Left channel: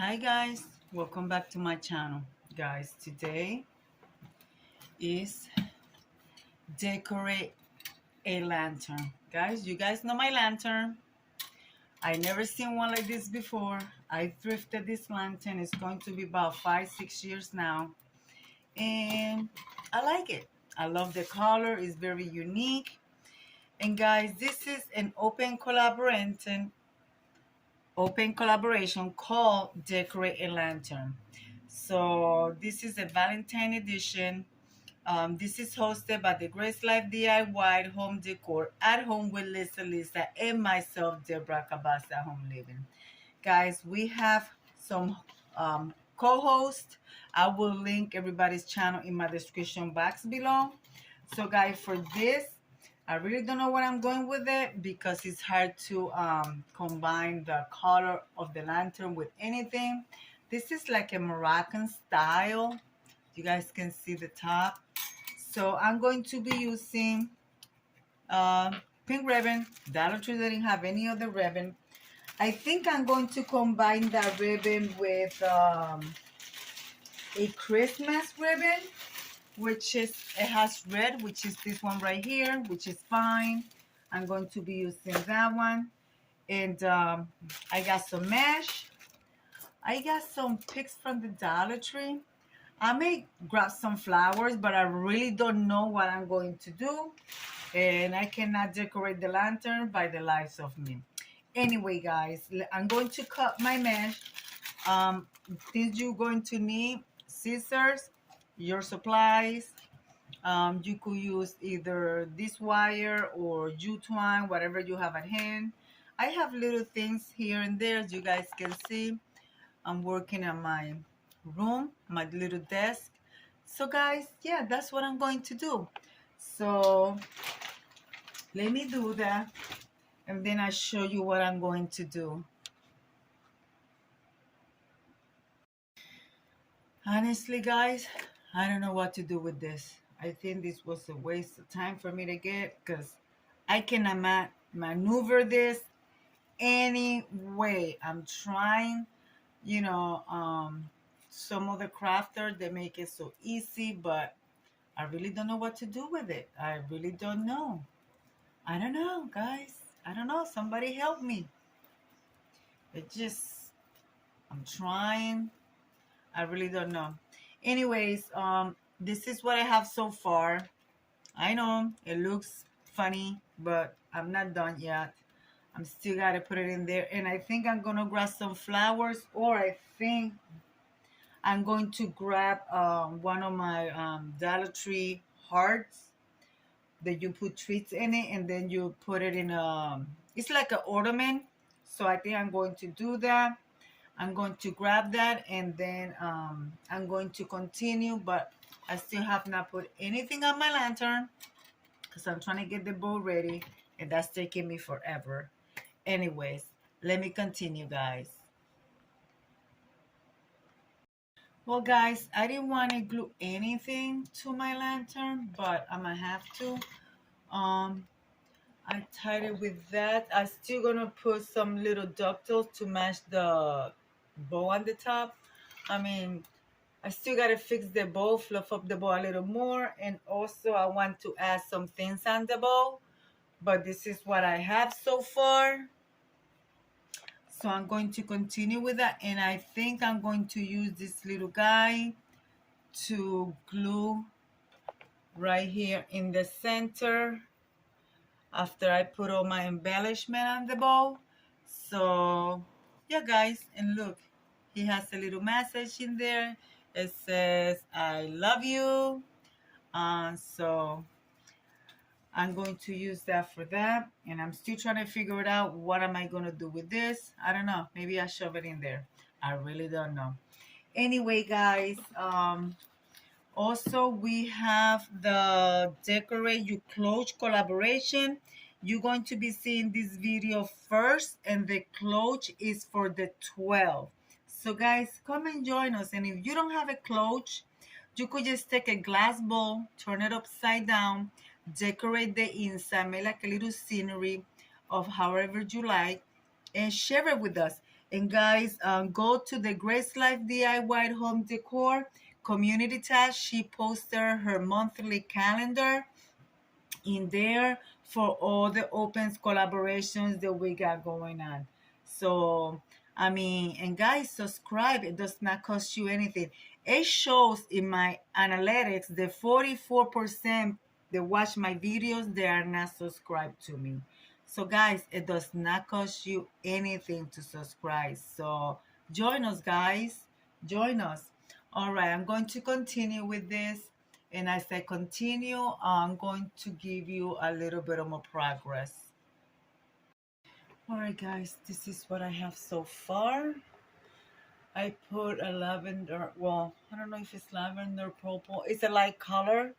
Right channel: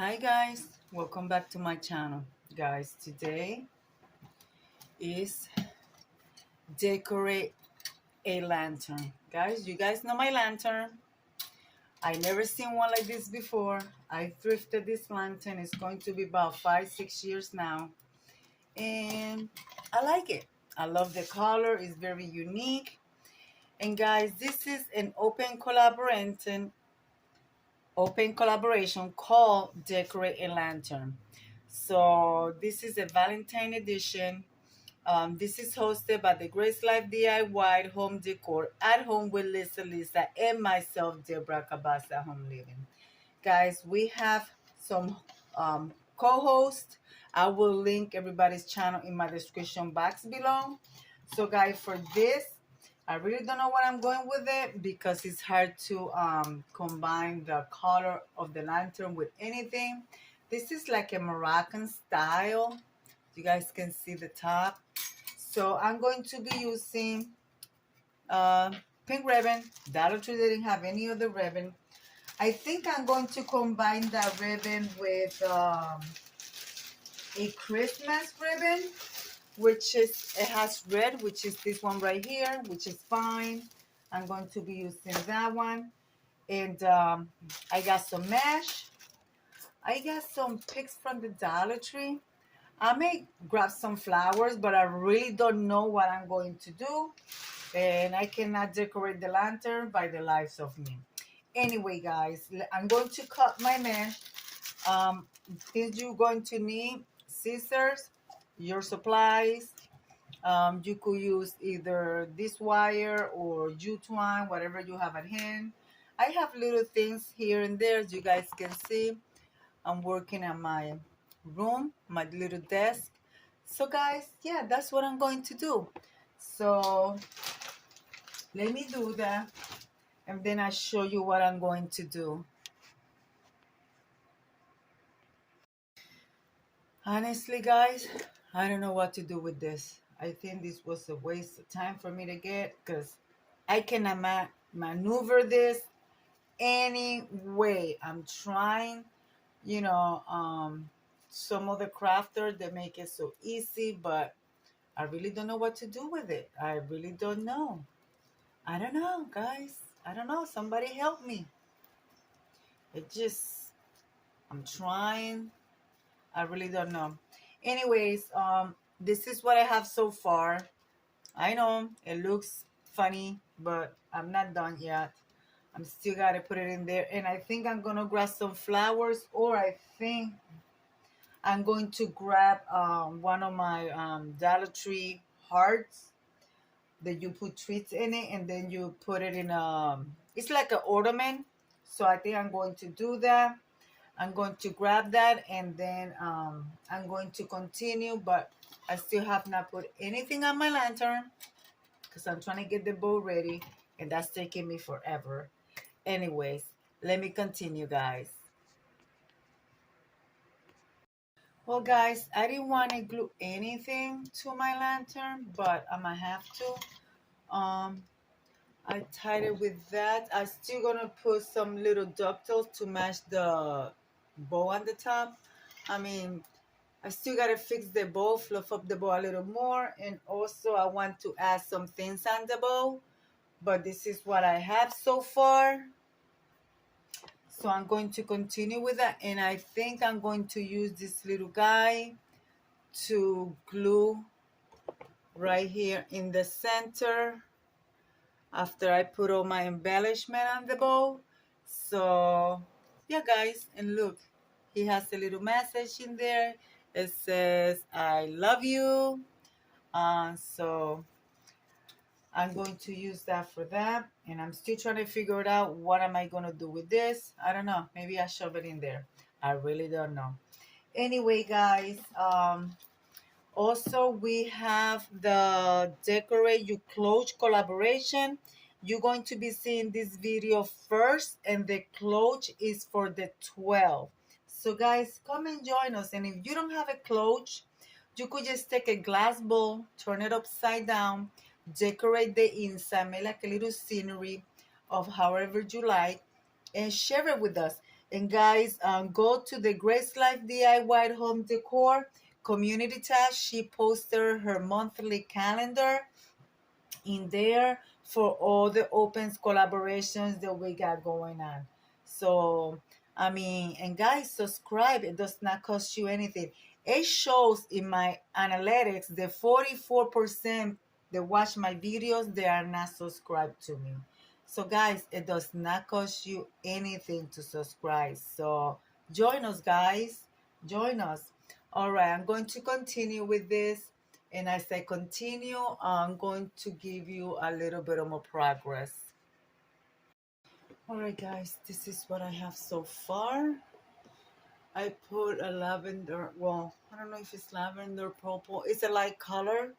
Hi guys, welcome back to my channel. Guys, today is decorate a lantern. Guys, you guys know my lantern. I never seen one like this before. I thrifted this lantern. It's going to be about 5-6 years now. And I like it. I love the color. It's very unique. And guys, this is an open collaboration called Decorate a Lantern. So this is a Valentine edition. This is hosted by the Grace Life DIY Home Decor at home with Lisa and myself, Deborah Cabassa Home Living. Guys, we have some co-hosts. I will link everybody's channel in my description box below. So guys, for this, I really don't know what I'm going with it because it's hard to combine the color of the lantern with anything. This is like a Moroccan style. You guys can see the top. So I'm going to be using pink ribbon. Dollar Tree didn't have any other ribbon. I think I'm going to combine that ribbon with a Christmas ribbon, which is, it has red, which is this one right here, which is fine. I'm going to be using that one. And I got some mesh. I got some picks from the Dollar Tree. I may grab some flowers, but I really don't know what I'm going to do. And I cannot decorate the lantern by the lives of me. Anyway, guys, I'm going to cut my mesh. Things you're going to need: scissors, your supplies. You could use either this wire or jute twine, whatever you have at hand. I have little things here and there, as you guys can see. I'm working on my room, my little desk. So guys, yeah, that's what I'm going to do. So let me do that, and then I show you what I'm going to do. Honestly, guys, I don't know what to do with this. I think this was a waste of time for me to get because I cannot maneuver this any way. I'm trying, some other crafter, they make it so easy, but I really don't know what to do with it. I really don't know. I don't know, guys. I don't know. Somebody help me. I'm trying. I really don't know. Anyways, this is what I have so far. I know it looks funny, but I'm not done yet. I'm still got to put it in there. And I think I'm going to grab some flowers, or I think I'm going to grab one of my Dollar Tree hearts that you put treats in it, and then you put it in it's like an ornament. So I think I'm going to do that. I'm going to grab that, and then I'm going to continue, but I still have not put anything on my lantern because I'm trying to get the bowl ready, and that's taking me forever. Anyways, let me continue, guys. Well, guys, I didn't want to glue anything to my lantern, but I'm gonna have to. I tied it with that. I'm still gonna put some little ducktails to match the bow on the top. I mean, I still gotta fix the bow, fluff up the bow a little more, and also I want to add some things on the bow, but this is what I have so far. So I'm going to continue with that, and I think I'm going to use this little guy to glue right here in the center after I put all my embellishment on the bow. So yeah, guys, and look, he has a little message in there. It says I love you. So I'm going to use that for that, and I'm still trying to figure it out. What am I going to do with this? I don't know. Maybe I shove it in there. I really don't know. Anyway, guys, also we have the Decorate Your Clothes collaboration. You're going to be seeing this video first, and the cloche is for the 12. So guys, come and join us. And if you don't have a cloche, you could just take a glass bowl, turn it upside down, decorate the inside, make like a little scenery of however you like, and share it with us. And guys, go to the Grace Life DIY Home Decor community tab. She posted her monthly calendar in there for all the opens collaborations that we got going on. So I mean, and guys, subscribe. It does not cost you anything. It shows in my analytics that 44% that watch my videos, they are not subscribed to me. So guys, it does not cost you anything to subscribe. So join us, guys. Join us. All right, I'm going to continue with this. And as I continue, I'm going to give you a little bit of more progress. All right, guys, this is what I have so far. I put a lavender, well, I don't know if it's lavender purple. It's a light color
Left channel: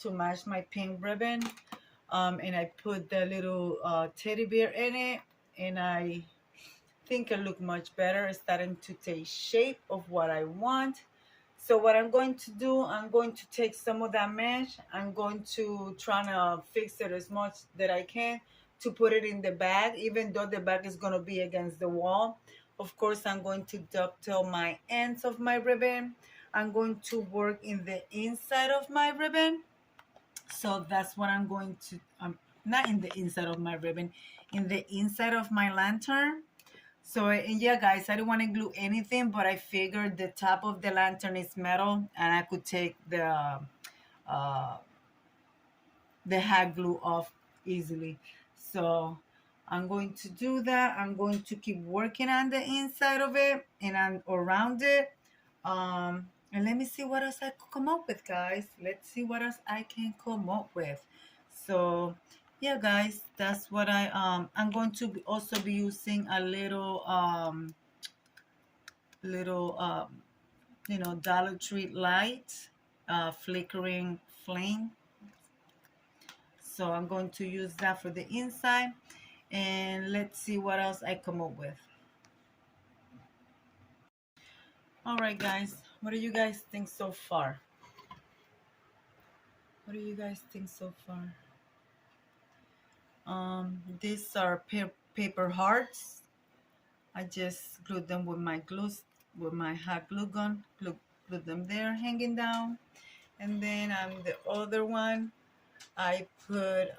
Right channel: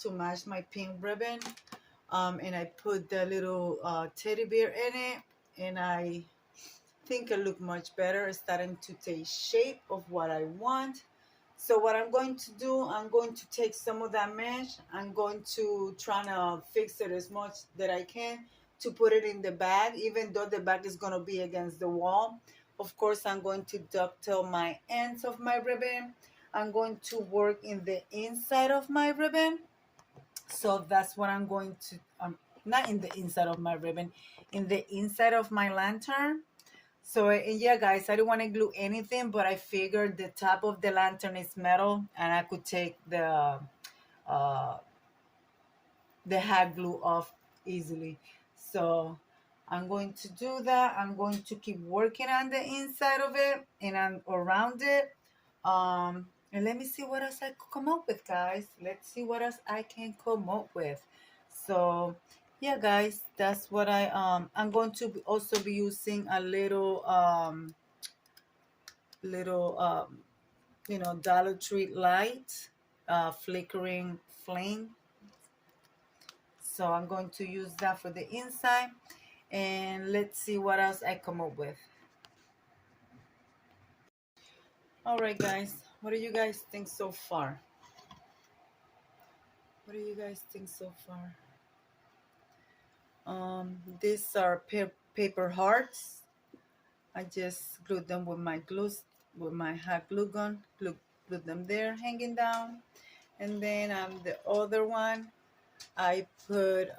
to match my pink ribbon. And I put the little teddy bear in it. And I think it looked much better. It's starting to take shape of what I want. So what I'm going to do, I'm going to take some of that mesh. I'm going to try to fix it as much that I can to put it in the bag, even though the bag is going to be against the wall. Of course, I'm going to dovetail my ends of my ribbon. I'm going to work in the inside of my ribbon. So that's what I'm going to, not in the inside of my ribbon, in the inside of my lantern. So, and yeah, guys, I didn't want to glue anything, but I figured the top of the lantern is metal, and I could take the hot glue off easily. So I'm going to do that. I'm going to keep working on the inside of it and on around it. And let me see what else I could come up with, guys. Let's see what else I can come up with. So yeah, guys, that's what I'm going to also be using a little Dollar Tree light, flickering flame. So I'm going to use that for the inside, and let's see what else I come up with. All right, guys, what do you guys think so far? What do you guys think so far? These are paper hearts. I just glued them with my with my hot glue gun. Glue them there, hanging down. And then on the other one, I put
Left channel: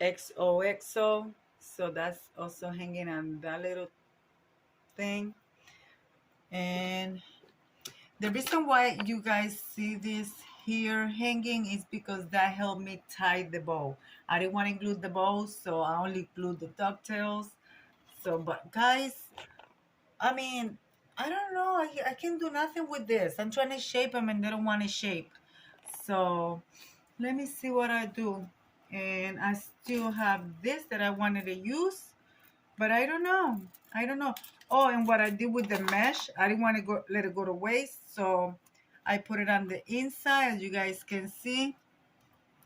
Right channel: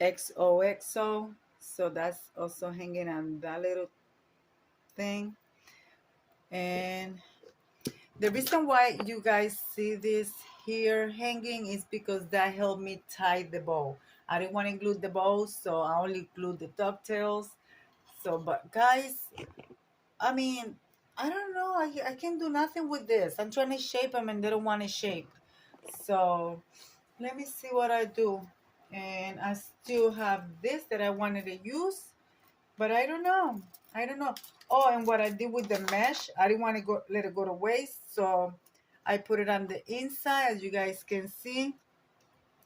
XOXO. So that's also hanging on that little thing. And the reason why you guys see this here hanging is because that helped me tie the bow. I didn't want to glue the bow, so I only glued the ducktails. So, but guys, I mean, I don't know. I can't do nothing with this. I'm trying to shape them and they don't want to shape. So let me see what I do. And I still have this that I wanted to use, but I don't know. I don't know. Oh, and what I did with the mesh, I didn't want to let it go to waste. So I put it on the inside, as you guys can see.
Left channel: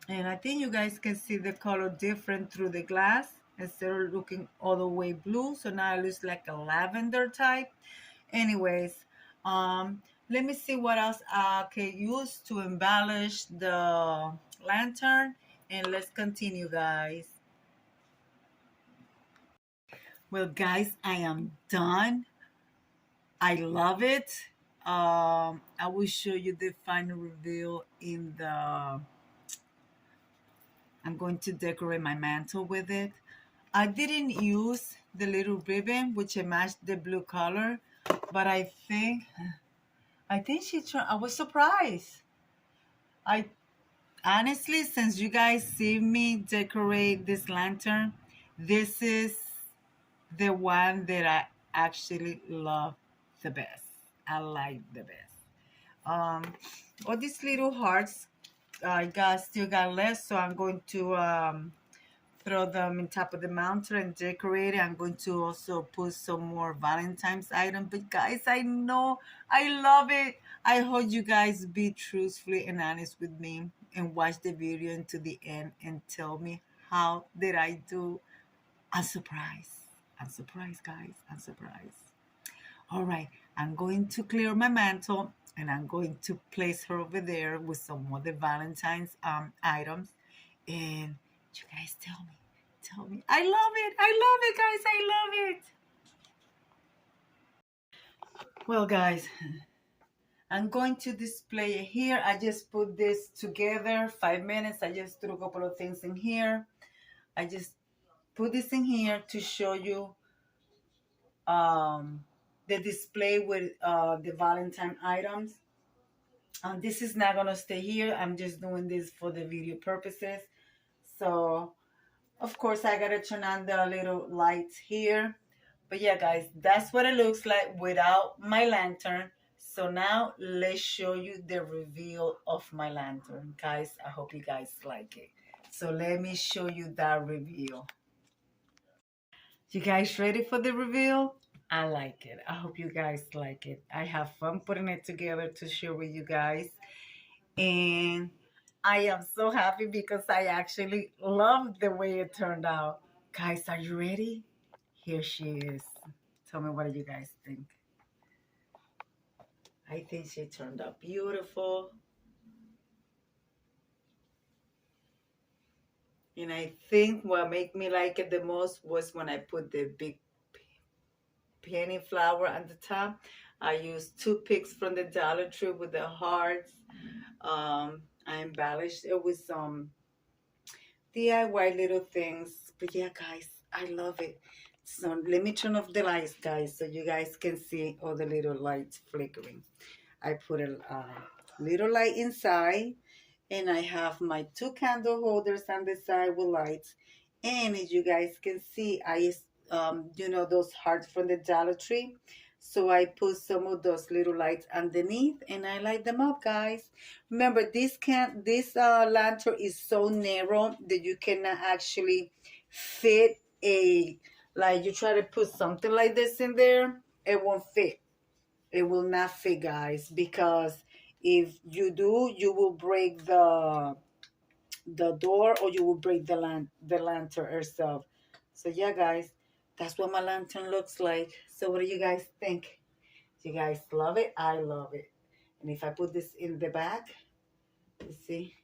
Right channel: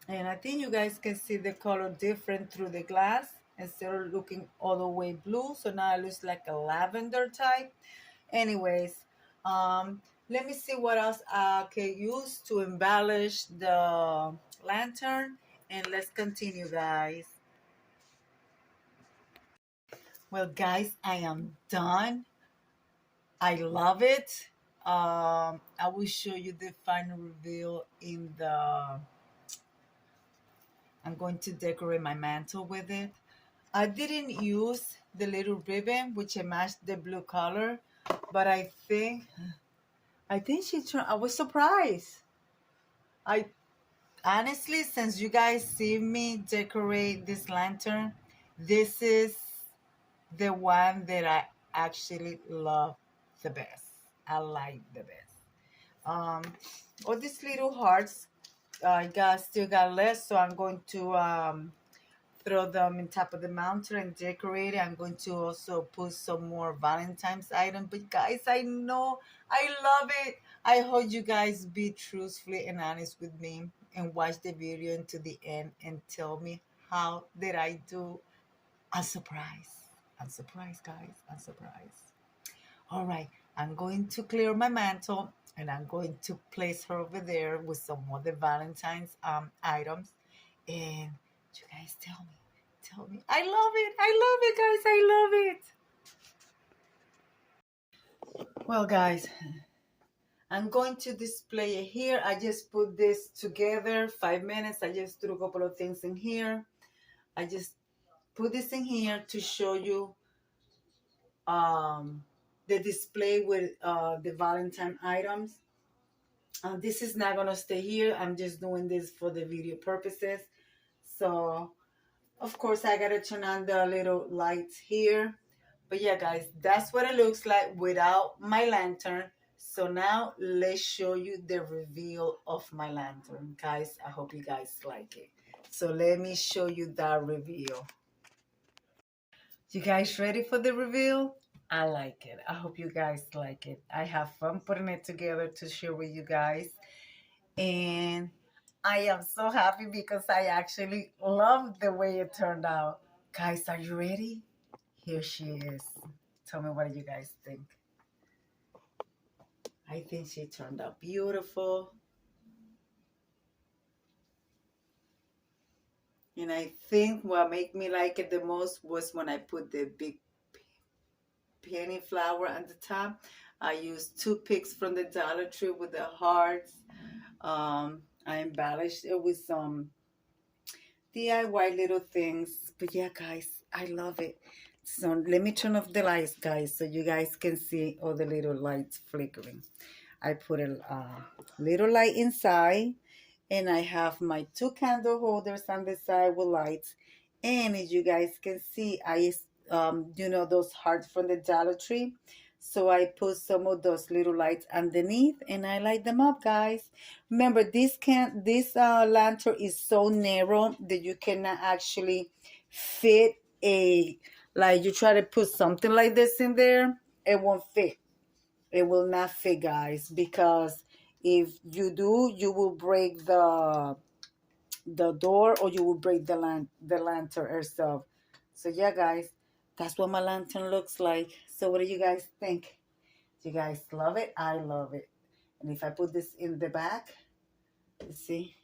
And I think you guys can see the color different through the glass instead of looking all the way blue. So now it looks like a lavender type. Anyways, let me see what else I can use to embellish the lantern. And let's continue, guys. Well, guys, I am done. I love it. I will show you the final reveal in the... I'm going to decorate my mantle with it. I didn't use the little ribbon, which matched the blue color, but I think she turned... I was surprised. I honestly, since you guys see me decorate this lantern, this is the one that I actually love the best. I like the best. All these little hearts I still got left, so I'm going to throw them in top of the mountain and decorate it. I'm going to also put some more Valentine's items. But guys, I know I love it. I hope you guys be truthfully and honest with me and watch the video into the end and tell me how did I do. I'm surprised. I'm surprised, guys. I'm surprised. All right, I'm going to clear my mantle and I'm going to place her over there with some other Valentine's items. And you guys tell me, Tell me. I love it. I love it, guys. I love it. Well, guys, I'm going to display it here. I just put this together, 5 minutes. I just threw a couple of things in here. I just put this in here to show you the display with the Valentine items. This is not gonna stay here. I'm just doing this for the video purposes. So of course I gotta turn on the little lights here. But yeah, guys, that's what it looks like without my lantern. So now let's show you the reveal of my lantern. Guys, I hope you guys like it. So let me show you that reveal. You guys ready for the reveal? I like it. I hope you guys like it. I have fun putting it together to share with you guys. And I am so happy because I actually love the way it turned out. Guys, are you ready? Here she is. Tell me, what do you guys think? I think she turned out beautiful. And I think what made me like it the most was when I put the big penny flower on the top. I used toothpicks from the Dollar Tree with the hearts. I embellished it with some DIY little things. But yeah, guys, I love it. So let me turn off the lights, guys, so you guys can see all the little lights flickering. I put a little light inside, and I have my 2 candle holders on the side with lights. And as you guys can see, I you know those hearts from the Dollar Tree. So I put some of those little lights underneath, and I light them up, guys. Remember, this lantern is so narrow that you cannot actually fit like you try to put something like this in there, it won't fit. It will not fit, guys, because if you do, you will break the door, or you will break the lantern herself. So yeah, guys, that's what my lantern looks like. So what do you guys think? You guys love it? I love it. And if I put this in the back, you see,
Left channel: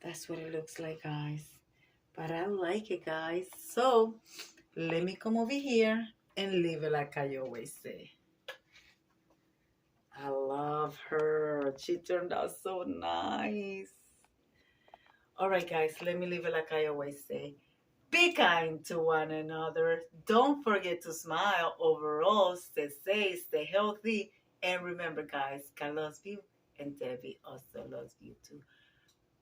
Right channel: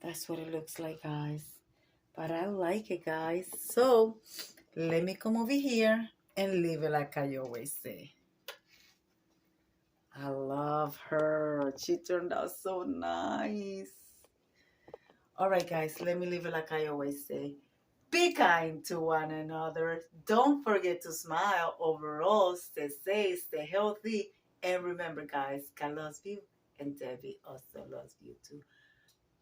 that's what it looks like, guys. But I like it, guys. So let me come over here and leave it like I always say. I love her. She turned out so nice. All right, guys, let me leave it like I always say. Be kind to one another. Don't forget to smile. Overall, stay safe, stay healthy. And remember, guys, God loves you, and Debbie also loves you too.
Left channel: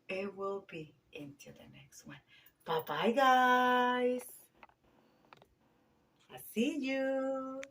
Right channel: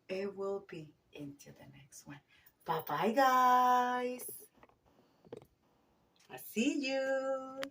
It will be into the next one. Bye-bye, guys. I see you.